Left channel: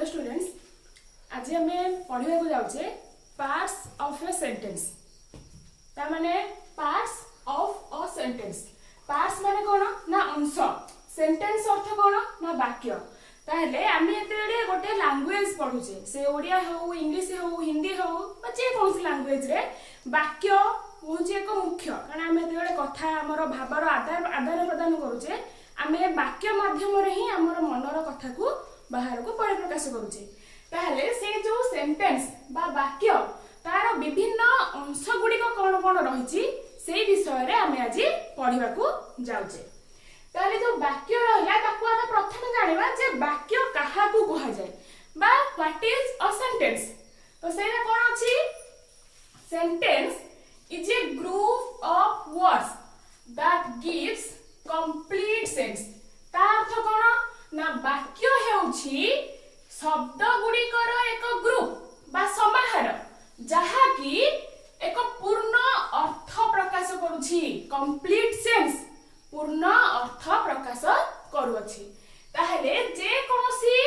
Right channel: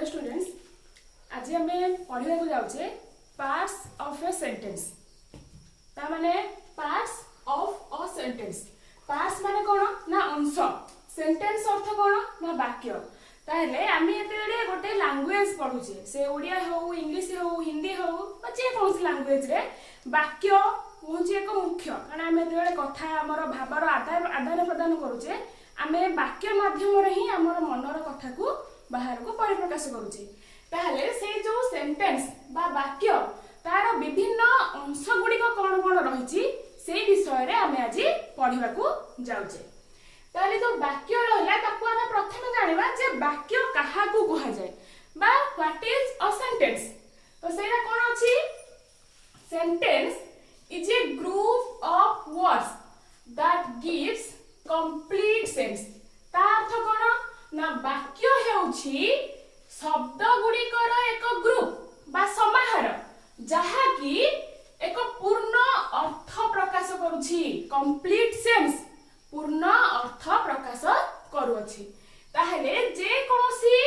Hello students, आज आम पढ़ा जाऊे पार्ट्स ऑफ ए सेंटेंस। ताने parts of a sentence, parts माने कौन ना अंश, सेंटेंस अर्थ कौन ना वाक्य। ताहले आम ये गोटे लैंग्वेज पढ़ुचे, से ओडिया हो, इंग्लिश हो, हिंदी हो, जेकोसी लैंग्वेज रे वाक्य हूँ एक मुख्य। कारण आम जो कथा आमर भावर आदान प्रदान करुचे, आम वाक्य माध्यम ही आमर मनर कथा को बाहर को परिप्रकाश करुचे। ताहले से जो सेंटेंस बा वाक्य तार विभिन्न अंश गुड़िक कौन कौन रही से विषय रे आम आज पढ़ा जाऊे। ताहले जो वाक्य रहा ताकू आम प्रथम जानिबा जे वाक्य काहाकू कहा जाए बा व्हाट इज अ सेंटेंस। तो सेटा कौन अछि, sentence is a group of words that gives complete sense. ता अर्थ कौन ना वाक्य हेउछि शब्द गुड़िकर एक ग्रुप बा समाहार जहा कि एक पूर्ण अर्थ प्रकाश करुछि, कंप्लीट सेंस पूर्ण अर्थ प्रकाश करुछि। ताहले जे कोनोसी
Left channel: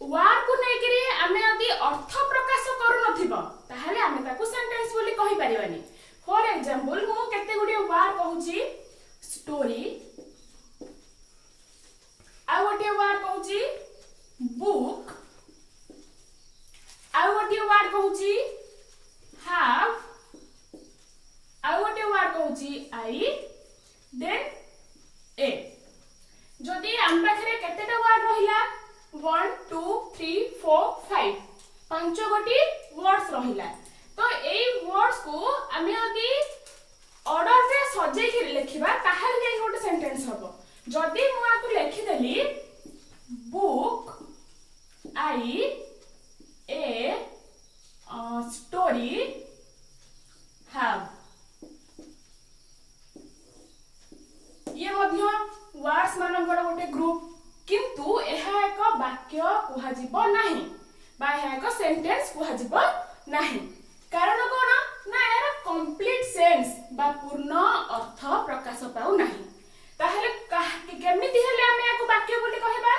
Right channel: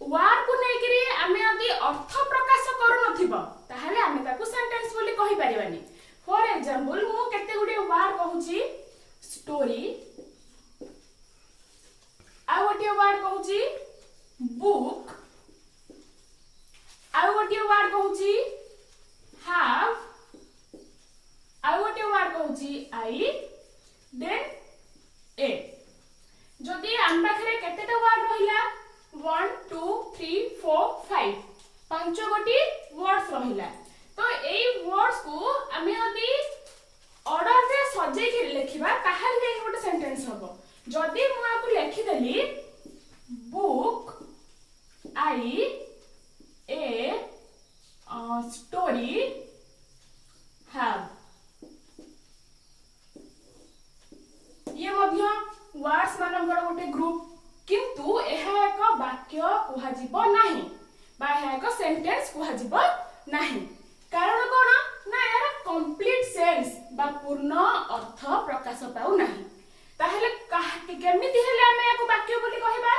वर्ड को नेकरी आमे यदि अर्थ प्रकाश करू नथिबो ताहले आमे ताकू सेंटेंस बोली कहि परिबानी। फॉर एग्जांपल मु केते गुडी वर्ड कहूची स्टोरी, आ गोटे वर्ड कहूची बुक, आ गोटे वर्ड कहूची हाव, आ गोटे वर्ड कहूची आई, देन ए। जदि हम पाखरे केतेटा वर्ड रहिला 1 2 3 4 5 पांच गोटी वर्ड्स रहिला। तो एई वर्ड्स को आमे यदि ऑर्डर रे सजे के लिखिबा ताहाले जे गोटे सेंटेंस हबो। जदि मु आपको लिखि देली book I a story have, ये मध्य वर्ड्स मानकर गोटे ग्रुप, किंतु एहा एक वाक्य कुहा जिवो नाही बा एहा एक सेंटेंस कुहा जिवो नाही। कारण कोन ना यार कंप्लीट सेंस बा पूर्ण अर्थ प्रकाश पाउ नाही। ताहले केमिति हेले आमे याको वाक्य बोली कहबा।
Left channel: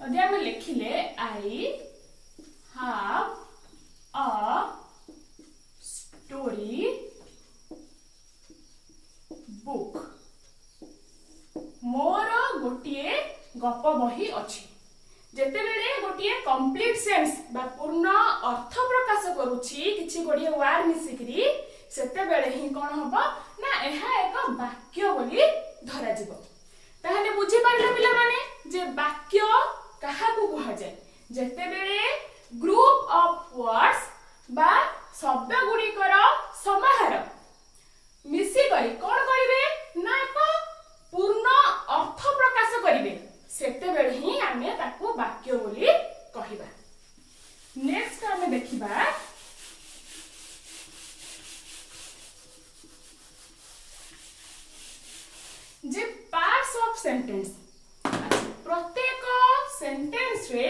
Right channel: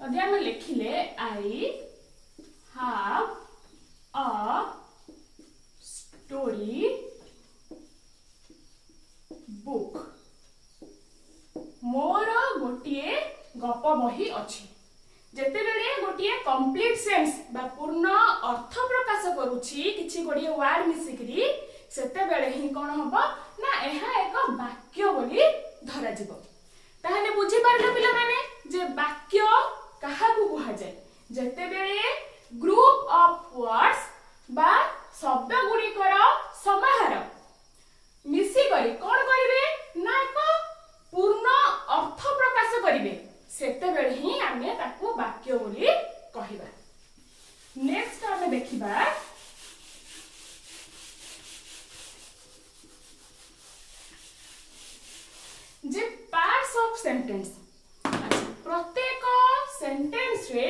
यदि आमे लिखिले I have a story book, मोर गोटिए गप बही अछि। जेते बेले गोटिए कंप्लीट सेंस बा पूर्ण अर्थ प्रकाश करूछि किछि गोडिए वर्ड मिसिकरी, सेते बेले ही कोन हबो ना एहा एक वाक्य बोली धरा जिवो। ताहले बुझी पारले पिला माने जे वाक्य काहाकू कहा जाय जेते बेले ग्रुप ऑफ वर्ड्स बा शब्द गुड़िकर समाहार मिसी करी कोन करिवे ना एक पूर्ण अर्थ प्रकाश करिवे, सेते बेले ही आमे ताकू वाक्य बोली कहिबा। नेक्स्ट आमे देखिबा जे पार्ट्स ऑफ सेंटेंस। प्रत्येक सेंटेंस रे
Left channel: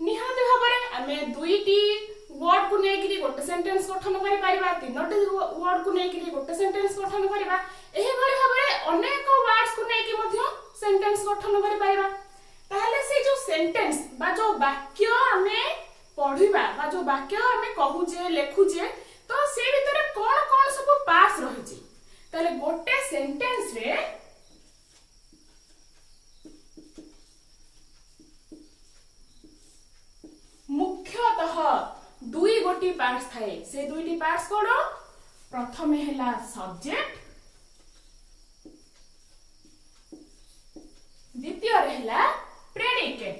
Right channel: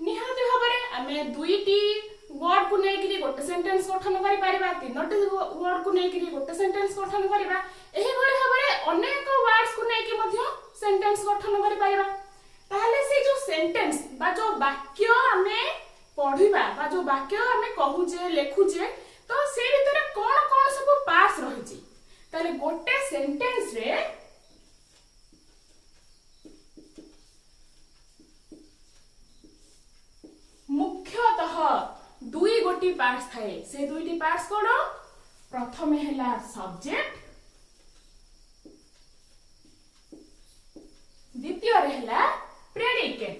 निहाती भाबरे आमे दुईटी वर्ड को नेकरी गोटे सेंटेंस गठन करि परिबा, तीनोटी वर्ड को नेकरी गोटे सेंटेंस गठन करिबा। एही भली भाबरे अनेक वर्ड्स को नेकी मध्य सेंटेंस गठन करि परिबा। ताहले से जो सेंटेंस बा जो वाक्य आमे पढिबा बा जो वाक्य आमे कहूजे लेखुजे, तो से भीतर कोन कोन सब पार्ट्स रहिछि। ताहले गोटे सेंटेंस रे मुख्यतः दुई गोटी पार्ट्स थाए। से दुईटी पार्ट्स कोन, प्रथम हेला सब्जेक्ट, द्वितीय हेला प्रेडिकेट।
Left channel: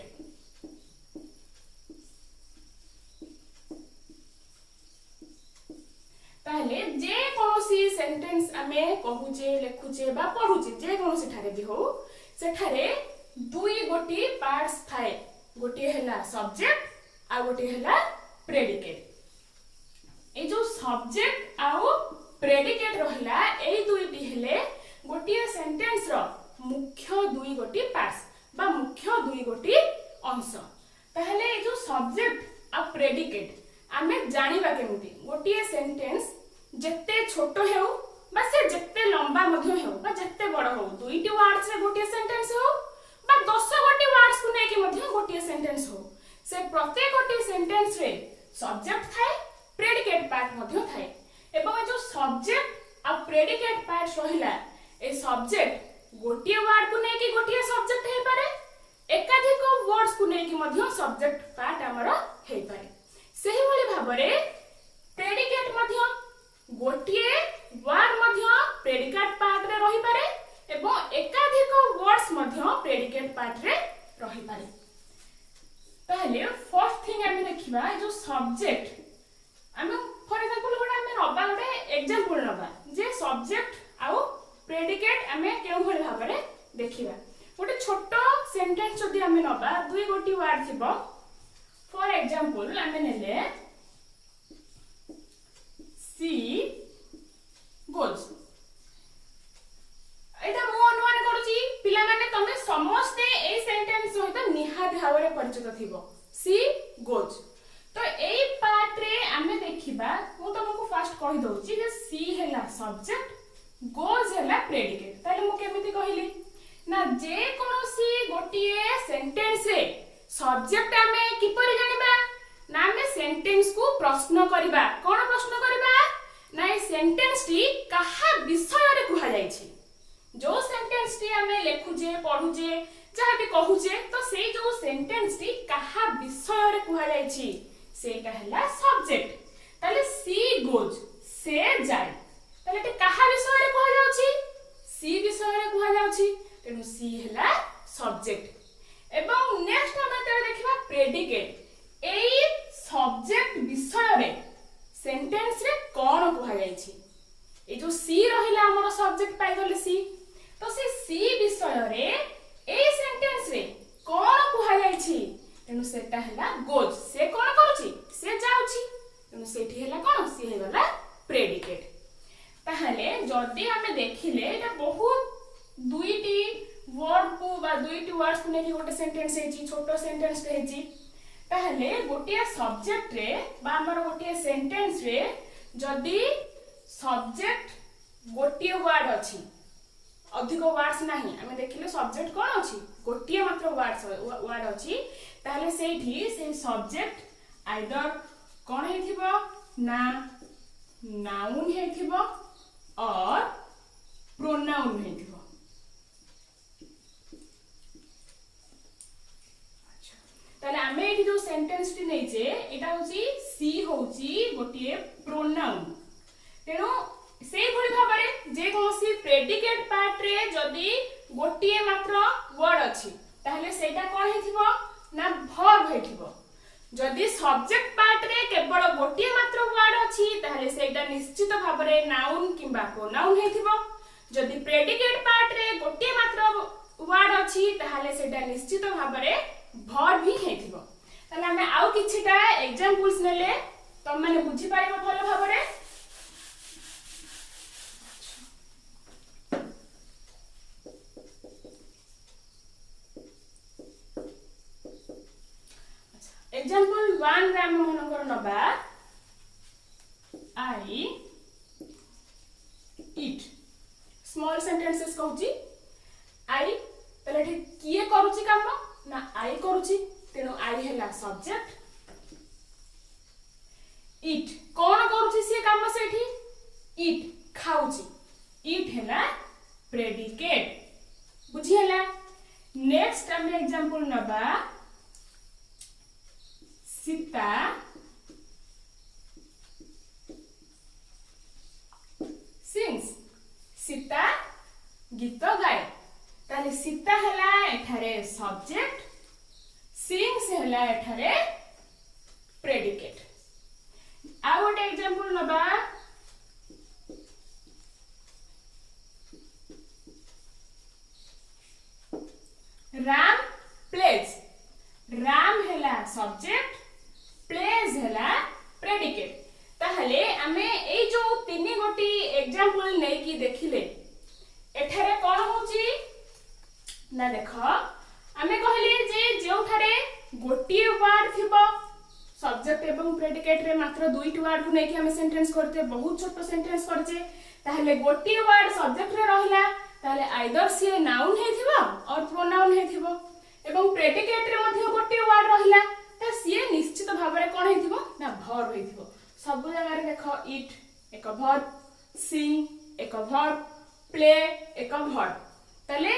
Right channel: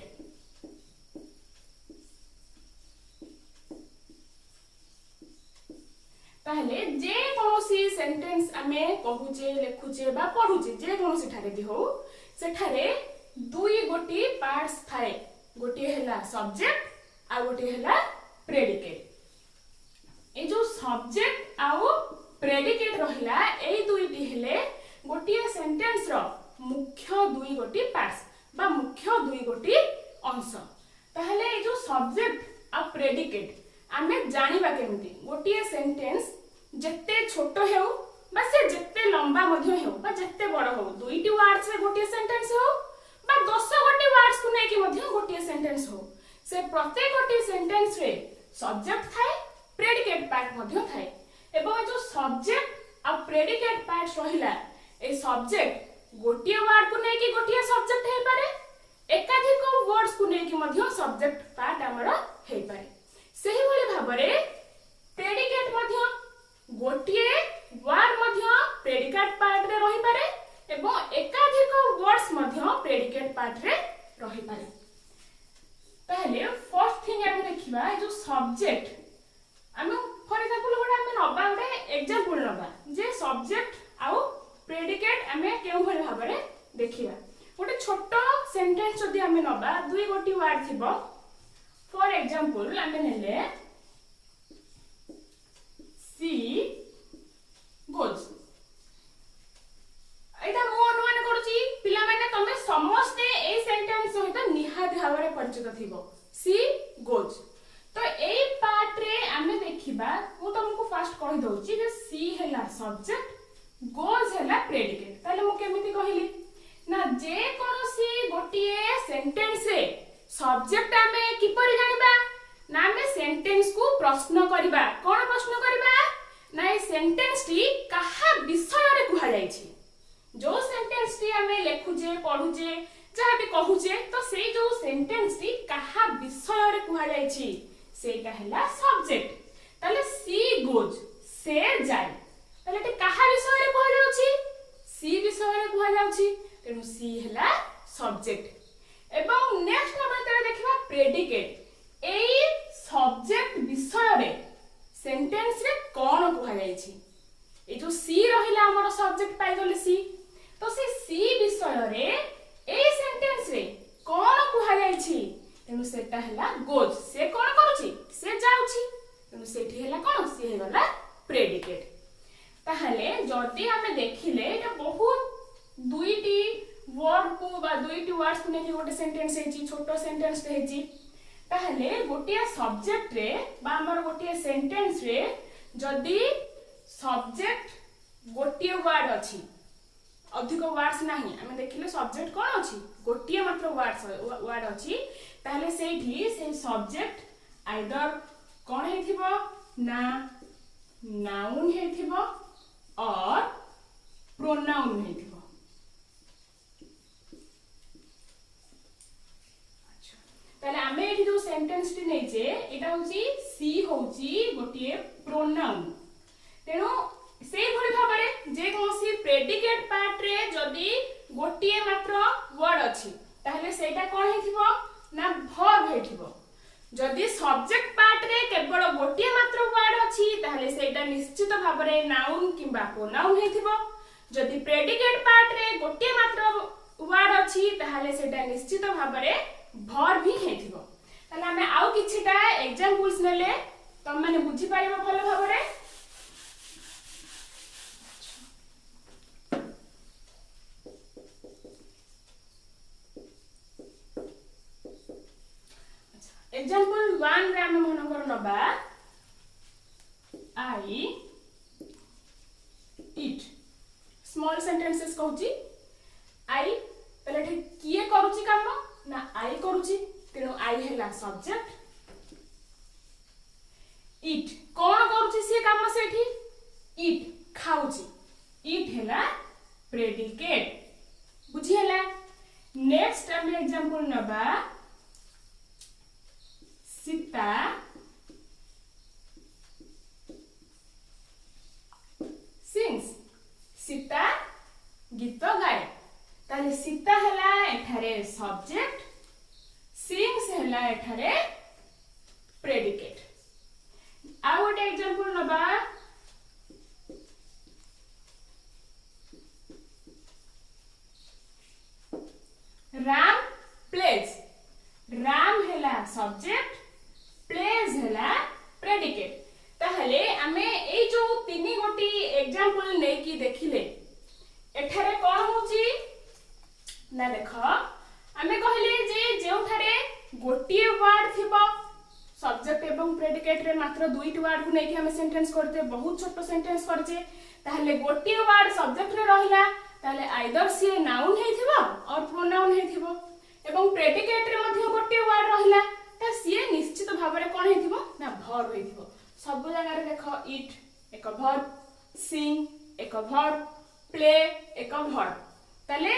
ताहले जे कोनोसी सेंटेंस आमे कहूचे लेखुचे बा पढुचे जे कोनोसी ठारे भी हो, सेठारे दुई गोटी पार्ट्स थाए। गोटी हेला सब्जेक्ट आ गोटी हेला प्रेडिकेट। ए जो सब्जेक्ट आउ प्रेडिकेट रहिला एई दुईटी हेले गोटी सेंटेंस रो मुख्य दुई गोटी पार्ट्स बा मुख्य दुई गोटी अंश। ताहले ए जो सब्जेक्ट आ प्रेडिकेट आमे जानिबा केमिति गोटी सेंटेंस जेते छोटो हेउ बा से जेते लंबा मध्य हेउ बा जेते बड़ हो, दुईटी वर्ड्स रे गोटी सेंटेंस हो बा 10 गोटी वर्ड्स को नेकी मध्य गोटी सेंटेंस हो, से प्रत्येक सेंटेंस रे सब्जेक्ट थाए प्रेडिकेट पार्ट मध्य थाए एवं जो सब्जेक्ट आ प्रेडिकेट पार्ट रहिला ए सब्जेक्ट गोटिए वर्ड को नेकी गोटिए सब्जेक्ट हे पारे एकाधिक वर्ड्स को नेकी मध्य सब्जेक्ट पार्ट हमर हे पारे सही वाली भाबरे प्रेडिकेट मध्य गोटिए वर्ड मध्य प्रेडिकेट पार्ट रे रहि पारे एवं एकाधिक वर्ड्स मध्य प्रेडिकेट पार्ट रे रहि पारे पहले फर्स्ट थिंग हम देखिबा जो सब्जेक्ट हम फॉर एग्जांपल गोटे हम नबा गोटे एग्जांपल नबा जे सब्जेक्ट आउ प्रेडिकेट हमें केउ भली भाबरे देखिबा गोटे छोटो सेंटेंस जदी हम नबा दुई गोटी वर्ड थिबो फॉर एग्जांपल हम नेले सी गोज एटा मो अनुमान करूची पिला माने तमे समस्त ए सेंटेंस सहित निहात भावरे परिचित थिबो सी गोज तो ए पार्ट रे हमें देखिबा मु तुमको फर्स्ट कहि दउची जे सी हैला सब्जेक्ट गोज हैला प्रेडिकेट ताले मु केमिति कहिली ना जे कोनोसी गोटिए सेंटेंस रे सब्जेक्ट हमें किपरि जानिबा ना हमें सेंटेंस को प्रश्न करिबा कोन प्रश्न करिबा ना ए सेंटेंस टी कहा विषय रे कुहा जाईछि जो सेंटेंस टी हमें लेखुजे पढुजे जहा भी कहूजे तो से जो सेंटेंस टी कहा विषय रे कुहा जाईछि सेटा हैला सब्जेक्ट ताले सी गोज से जाय ताले ते कहा विषय रे कुहा जाउछि सी विषय रे कुहा जाउछि तेनु सी हैला सब्जेक्ट एवं नेक्स्ट हम तरे देखिबा प्रेडिकेट एई सब्जेक्ट विषय रे सेंटेंस रे कोन कुहा जाईछि ए जो सी रहिला हमर सब्जेक्ट पाइ गले सी तो से सी विषय रे ए सेंटेंस रे कोन कुहा जाईछि तेनु सेटा हैला गोज से कोन करूछि से जाउछि तेनु सेठी हैला कोन सी हैला प्रेडिकेट ताहले जदी हमें देखिले एटा बहुत दुईटी वर्ड को बा दुईटी वर्ड्स को नेकी गोटे सेंटेंस हेची छोटो सेंटेंस हेची ताहले गोटिया सब्जेक्ट रे बा हमर गोटिया सेंटेंस रे जदी सब्जेक्ट गोटिए वर्ड अछि अधिक वर्ड्स नाही हमें देखिले सब्जेक्ट कोन अछि गोटिए मात्र वर्ड अछि ताहले सेठी से सब्जेक्ट आइदर कोन हेथिबो ना नाउन हेथिबो और प्रोनाउन हेथिबो ताले हमें एठी जो सेंटेंस टी नै जे एटा होची सी होची गोटिए प्रोनाउन तेनो से भली भाबरे जे कोनसी प्रेडिकेट पार्ट रे जदी गोटिए मात्र वर्ड अछि ताहले सेटा कोन हेथिबो ना वर्ब हेथिबो जदी सब्जेक्ट पार्ट रे केवल गोटिए मात्र वर्ड अछि ताहले सेटा निश्चित भाबरे नाउन किबा प्रोनाउन हेथिबो जदी प्रेडिकेट पार्ट रे गोटिए मात्र वर्ड अछि ताहले सेटा निश्चित भाबरे वर्ब भी हेथिबो ताले हमें आउ किछिटा एग्जांपल्स नेले तम माने बुझी पाइबो भलो भाबरे एग्जांपल 1 रे हम मनकर नबा आई ईट स्मॉल सेंटेंसेस कहूची आई तले किए करूची काम ना आई करूची तेनो आई हैला सब्जेक्ट ईट कोन करूची से काम सेठी ईट खाऊची ईट हैला प्रेडिकेट बुझी हैला नेक्स्ट हम एग्जांपल नबा सीता सिंग्स सीता गीत गाए ताले सीता हैला एठारे सब्जेक्ट सिंग्स हैला एठारे प्रेडिकेट आ गोटे एग्जांपल नबा राम प्लेज राम हैला सब्जेक्ट प्लेज हैला प्रेडिकेट ताहले हमें ए जो तीन गोटी एग्जांपल नै की देखिले एठारे कोन होची ना देखो हमें कहले जे जेउठारे गोटी वर्ड थिबो सब्जेक्ट एवं प्रेडिकेट रे मात्र दुईटी वर्ड को नै की हमें सेंटेंस करते बहुत छोटो सेंटेंस करजे ताहले गोटी वर्ड सब्जेक्ट रे रहिला ताहले आइदर से नाउन हेथिबो और प्रोनाउन हेथिबो एवं प्रेडिकेट रे मध्य गोटी वर्ड रहिला ता सीए निश्चित भाव में कौन हेतिबो ना वर्ब हेतिबो सब जगह रे देखो इट एक वर्ब सिंग एक वर्ब प्ले एक वर्ब ताले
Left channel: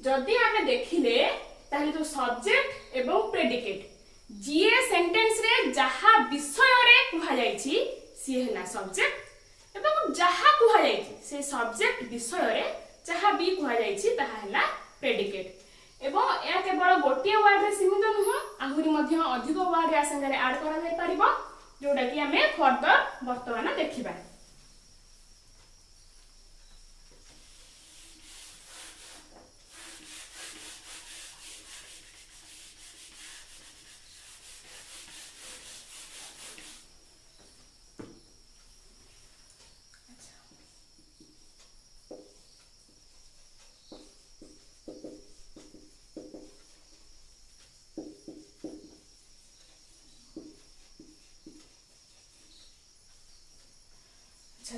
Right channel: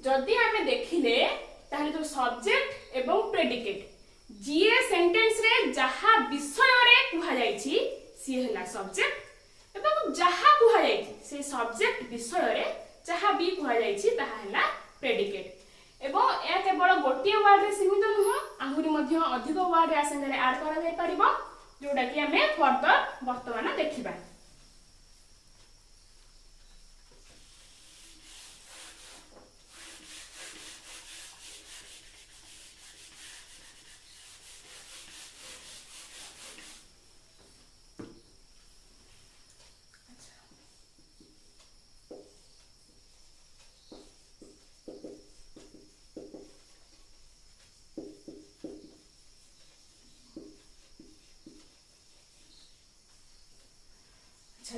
जदि आमे देखिले ताले जो सब्जेक्ट एवं प्रेडिकेट जीए सेंटेंस रे जहा विषय रे कुहा जाईची सी हला सब्जेक्ट एवं जहा कुहा जाईची से सब्जेक्ट विषय रे जहा भी कुहा जाईची ताहा हला प्रेडिकेट एवं या केवल गोटे वर्ड रे सीमित नुह आहुरी मध्य अधिक वर्ड या संगे ऐड करा जाय परिबो जोडा कि हमें फर्दर वर्तमान देखिबा।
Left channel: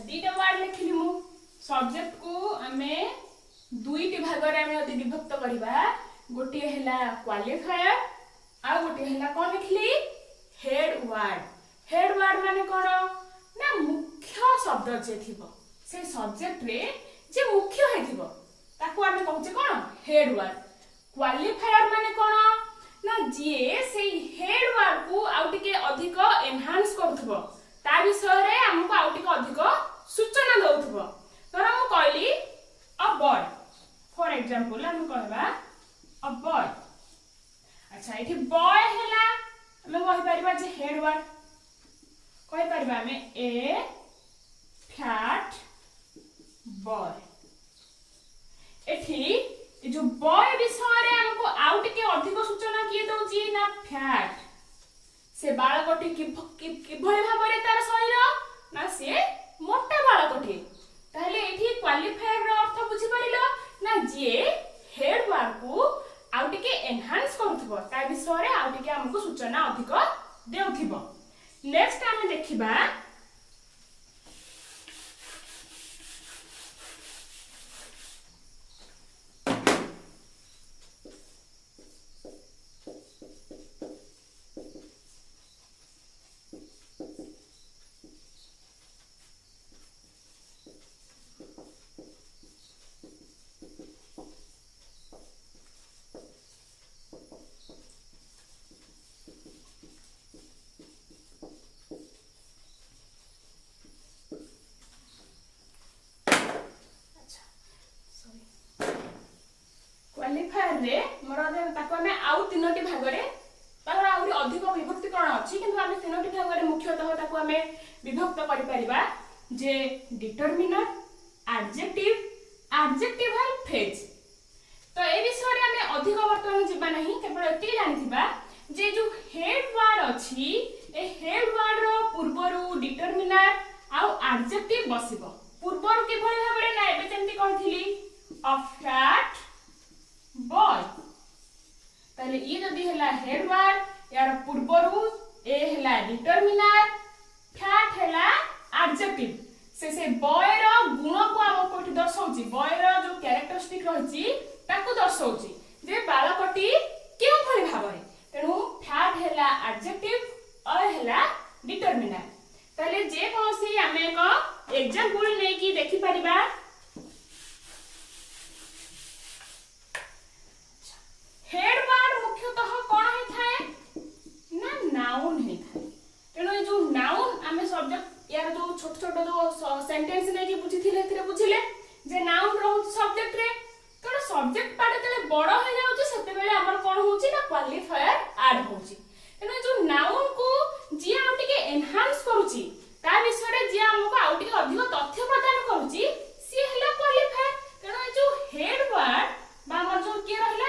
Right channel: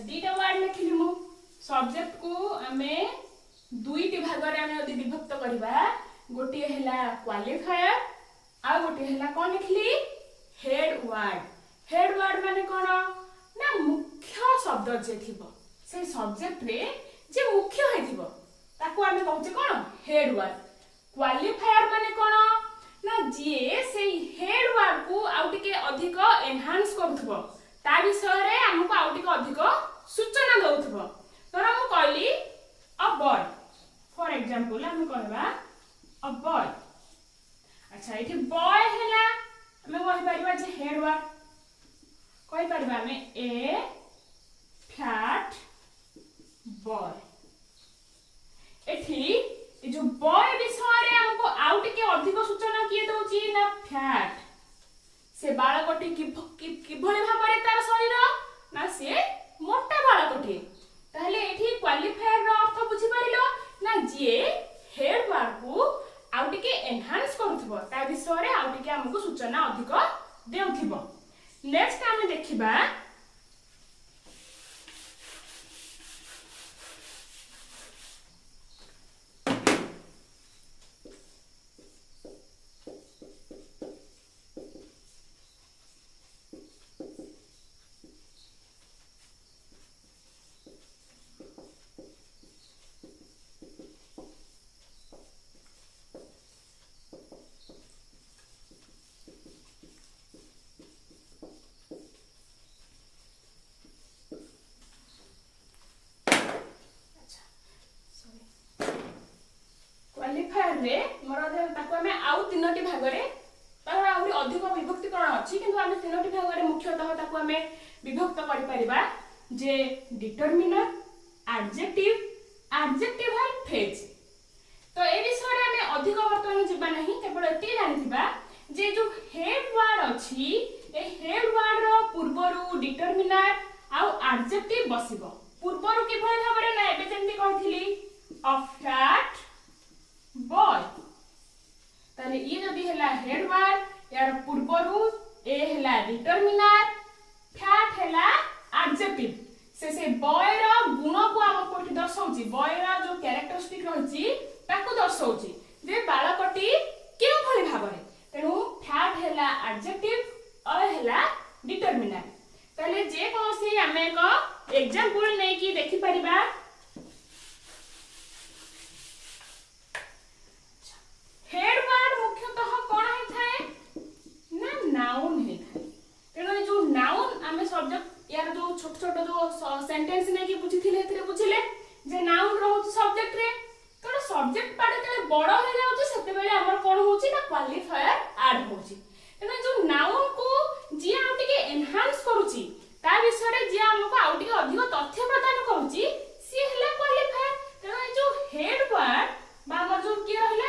दीटा वर्ड लिखिली मु सब्जेक्ट को आमे दुईटी भाग रे आमे यदि विभक्त करबा गोटी हैला क्वालिफायर आ गोटी हैला कोन लिखली हेड वर्ड माने कोन ना मुख्य शब्द जे थिबो से सब्जेक्ट रे जे मुख्य हेथिबो ताको आमे कहूचे कोन हेड वर्ड क्वालिफायर माने कोन ना जे से हेड वर्ड को आउटिके अधिक एनहांस करथबो ता विषय रे हमको आउटिके अधिक सूचना दउथबो तर हम कहली अ बॉय फॉर एग्जांपल हम कहबा अ बॉय अच्छा इठी बॉय हैला हम कहि परिबा जे हेड वर्ड कहि परिबा हमें ए फैट बॉय एठी ए जो बॉय विषय रे हमको आउटिके अधिक सूचना किए दउची ना फैट से बाळकटी किभଳି भाबरे तार शरीर ना से मोटा बाळकटी ताहले एठी क्वालिफायर रो अर्थ बुझी परिलो ना जे हेड वर्ड को आउटिके एनहांस करथबो ता विषय रे आउटिके हमको सूचना अधिक देउथिबो। नेक्स्ट हम देखिबा क्वालिफायर रे मोर ताको हमें आउ तीनोटी भाग रे तार आउरी अधिक विभक्तिकरण अछि किंतु हमें तीनोटी भाग रे मुख्यतः ताको हमें विभक्त करि परिबा जे डिटरमिनर एडजेक्टिव फ्रेज तो ए विषय रे हमें अधिक वर्तमान जिबा नहीं केवल एति जानथिबा जे जो हेड वर्ड अछि ए हेड वर्ड रो पूर्वरु डिटरमिनर आउ एडजेक्टिव बसिबो पूर्वरु किभଳି भाबरे ना एबे जेंति कहिथिली अ फ्लैट बॉय ताले ई जदी हैला हेड वर्ड यार पूर्वरु ए हैला डिटरमिनर फैट हैला एडजेक्टिव से बॉय रो गुण को हम कोठी दर्शाउची बॉय रो जो कैरेक्टरिस्टिक रहची ताको दर्शाउची जे बाळकटी के भଳି भाबरे तेनु फैट हैला एडजेक्टिव और हैला डिटरमिनर ताले जे कोसी हमें को एग्जांपल नै की देखि परिबा हेड वर्ड मुख्यतः कोन है थाए ना नाउन है थाए तेनो जो नाउन हमें सब्जेक्ट यार जो छोट छोट जो सेंटेंस नै की बुझिथिले थिरे बुझिले जे नाउन रहउची सब्जेक्ट रे तो सब्जेक्ट पार्ट तेले बड़ हो जाउची सेते बेले हमर कोन होउची ना क्वालिफायर ऐड होउची तेनो जो नाउन को जे आउटिके एनहांस करूची ता विषय रे जे हमको आउटिके अधिक तथ्य प्रदान करूची सी हला क्वालिफायर तेनो जो हेड वर्ड बा हमर जो के रहला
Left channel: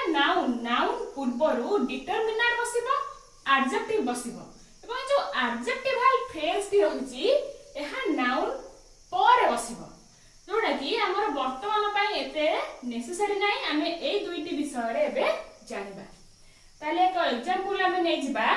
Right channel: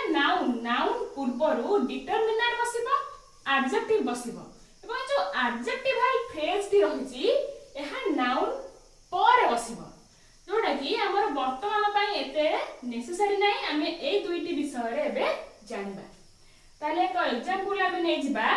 नाउन पूर्वरु डिटरमिनर बसिबो एडजेक्टिव बसिबो एवं जो एडजेक्टिवल फ्रेज टी रहिची एहा नाउन पर बसिबो जोडा कि हमर वर्तमान पय एते नेसेसरी नै हमें ए दुईटी विषय रे एबे जानबा ताले एक एग्जांपल हमें नै जिबा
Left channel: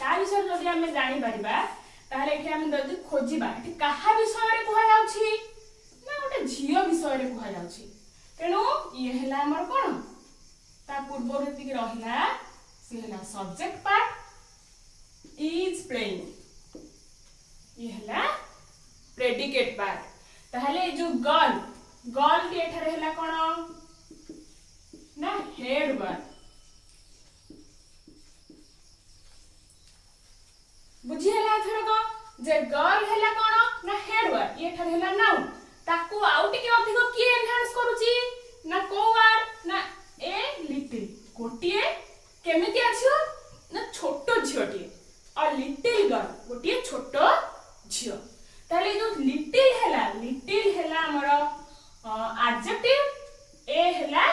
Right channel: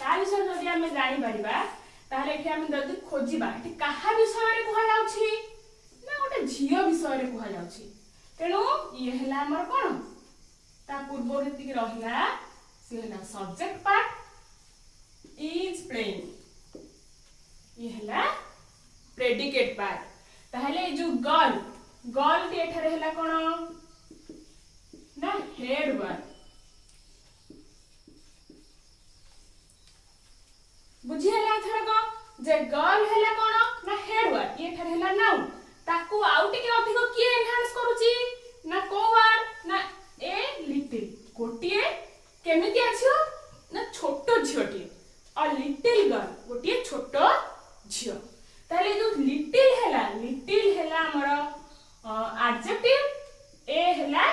ता विषय जदि आमे जानि परिबा ताहले एठी आमे जदि खोजिबा एठी कहा विषय रे कुहा जाउछि ना गोटे झियो विषय रे कुहा जाउछि तेनु ये हला हमर कोन ता पूर्व केति के रहिला से हला सब्जेक्ट पार्ट इज प्लेइंग ये हला प्रेडिकेट पार्ट ताहले जो गर्ल टी एठारे हला कोन ना हेड वर्ड बुझी हला थरक जे गर्ल हला कोन ना हेड वर्ड ये एठारे हला नाउन ताकू आउटी के अधिक किए एनहांस करूची ना को वर्ड ना ए लिटिल गोटिए केमिति आछियो ना छोटो झियोटी और लिटिल गर्ल गोटिए छोटो झियो ताले जो लिटिल हला हमर एडजेक्टिव ए हला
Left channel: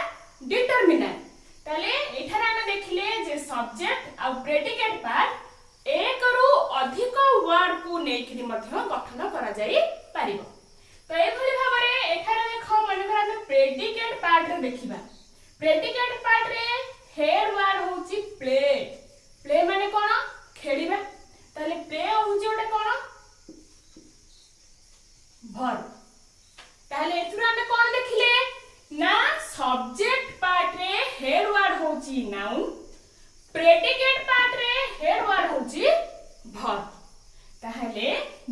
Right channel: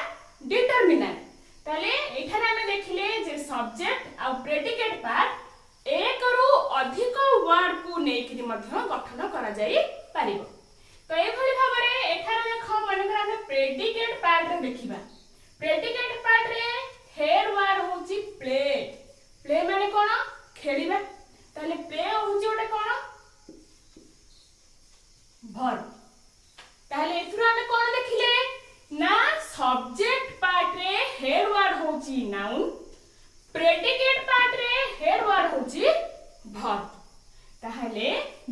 डिटरमिनेंट ताले एठारे हमें देखिले जे सब्जेक्ट आ प्रेडिकेट पार्ट एक रु अधिक वर्ड को नेकिरि मध्य गठन करा जाई पारिबो तो ए भली भाबरे एठारे देखो मनकर हम प्रेडिकेट पार्ट रे देखिबा प्रेडिकेट पार्ट रे हेड वर्ड होची प्ले माने कोन खेलिबा ताले प्ले होची ओटे कोन वर्ब ताले एथुरा हमें कोन देखिले ना सब्जेक्ट पार्ट रे हेड वर्ड होची नाउन प्रेडिकेट पार्ट रे हेड वर्ड होची वर्ब ताहले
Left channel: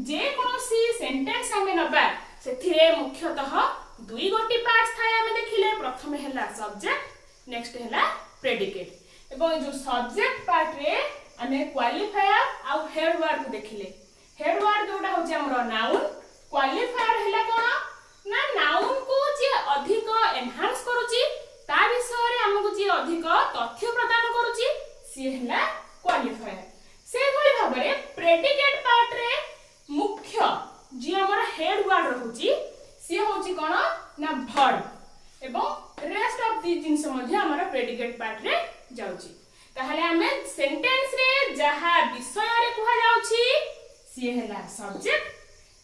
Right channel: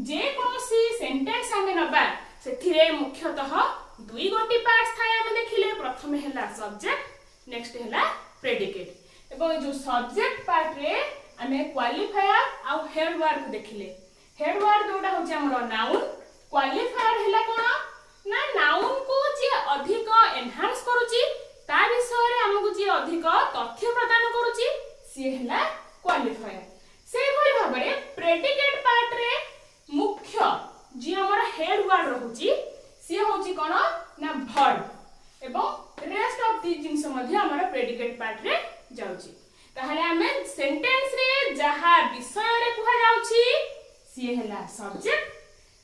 जे कोनोसी सेंटेंस हमें नबा सेथिरे मुख्यतः दुई गोटी पार्ट्स थाय हमें देखिले प्रथम हैला सब्जेक्ट नेक्स्ट हैला प्रेडिकेट एवं जो सब्जेक्ट पार्ट रे हमें क्वालिफायर आ हेड वर्ड को देखिले हेड वर्ड जोटा होची हमरो नाउन क्वालिफायर हैला कोन ना नाउन को जे अधिक एनहांस करूची ता विषय रे हमकु जे अधिक तथ्य प्रदान करूची सी हैला क्वालिफायर से भली भाबरे प्रेडिकेट पार्ट रे मुख्य जे हमर हेड वर्ड रहूची सी होची कोन ना वर्ब एवं रेस्ट ऑफ दी जिंस मध्ये हमर प्रेडिकेट पार्ट रे जाउची ताहले हमें सेंटेंस रे जहा विषय रे कुहा जाउची सी हैला सब्जेक्ट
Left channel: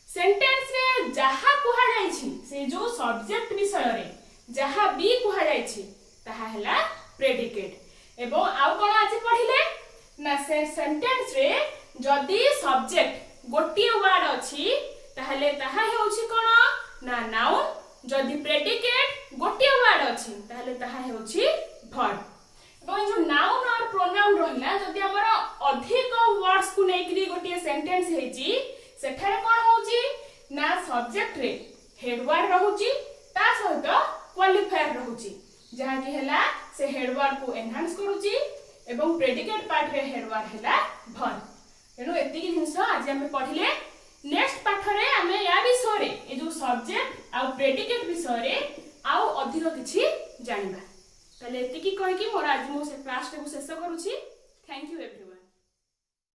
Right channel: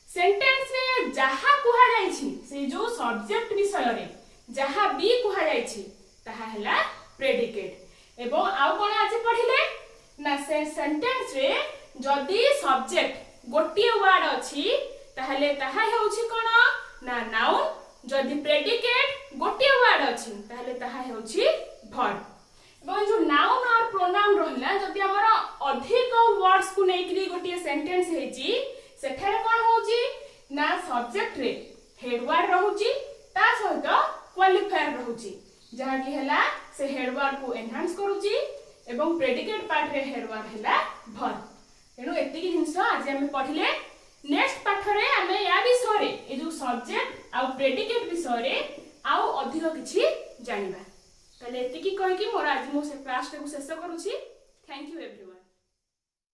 सेंटेंस रे जहा कुहा जाइछि से जो सब्जेक्ट विषय रे जहा भी कुहा जाइछि ताहा हैला प्रेडिकेट एवं आउ कोन आज पढिले ना से सेंटेंस रे जदी सब्जेक्ट गोटी वर्ड अछि ताहले ताहा हेउछि कोन ना नाउन जदी प्रेडिकेट गोटी वर्ड अछि ताहले ताहा हेउछि वर्ब एवं जो नाउन और प्रोनाउन रहला जदी हमर अधिक वर्ड्स को नेकरी गोटी सेंटेंस हेछि सेठारे कोन होउची ना सब्जेक्ट रे हेड वर्ड रहउची ता सहित क्वालिफायर रहउची जहा कि हैला से हेड वर्ड को एनहांस करूची एवं प्रेडिकेट पार्ट रे हेड वर्ड हैला वर्ब तेनु एति कि जिंस आज हम पढिले नेक्स्ट पाठ रे हम या विषय रे ए जो सब्जेक्ट आ प्रेडिकेट विषय रे आ अधिक किछि जानिबा तले एति कि कहि कि मोर आज मो से क्लास रे को शेष करूची थैंक यू एवरीवन।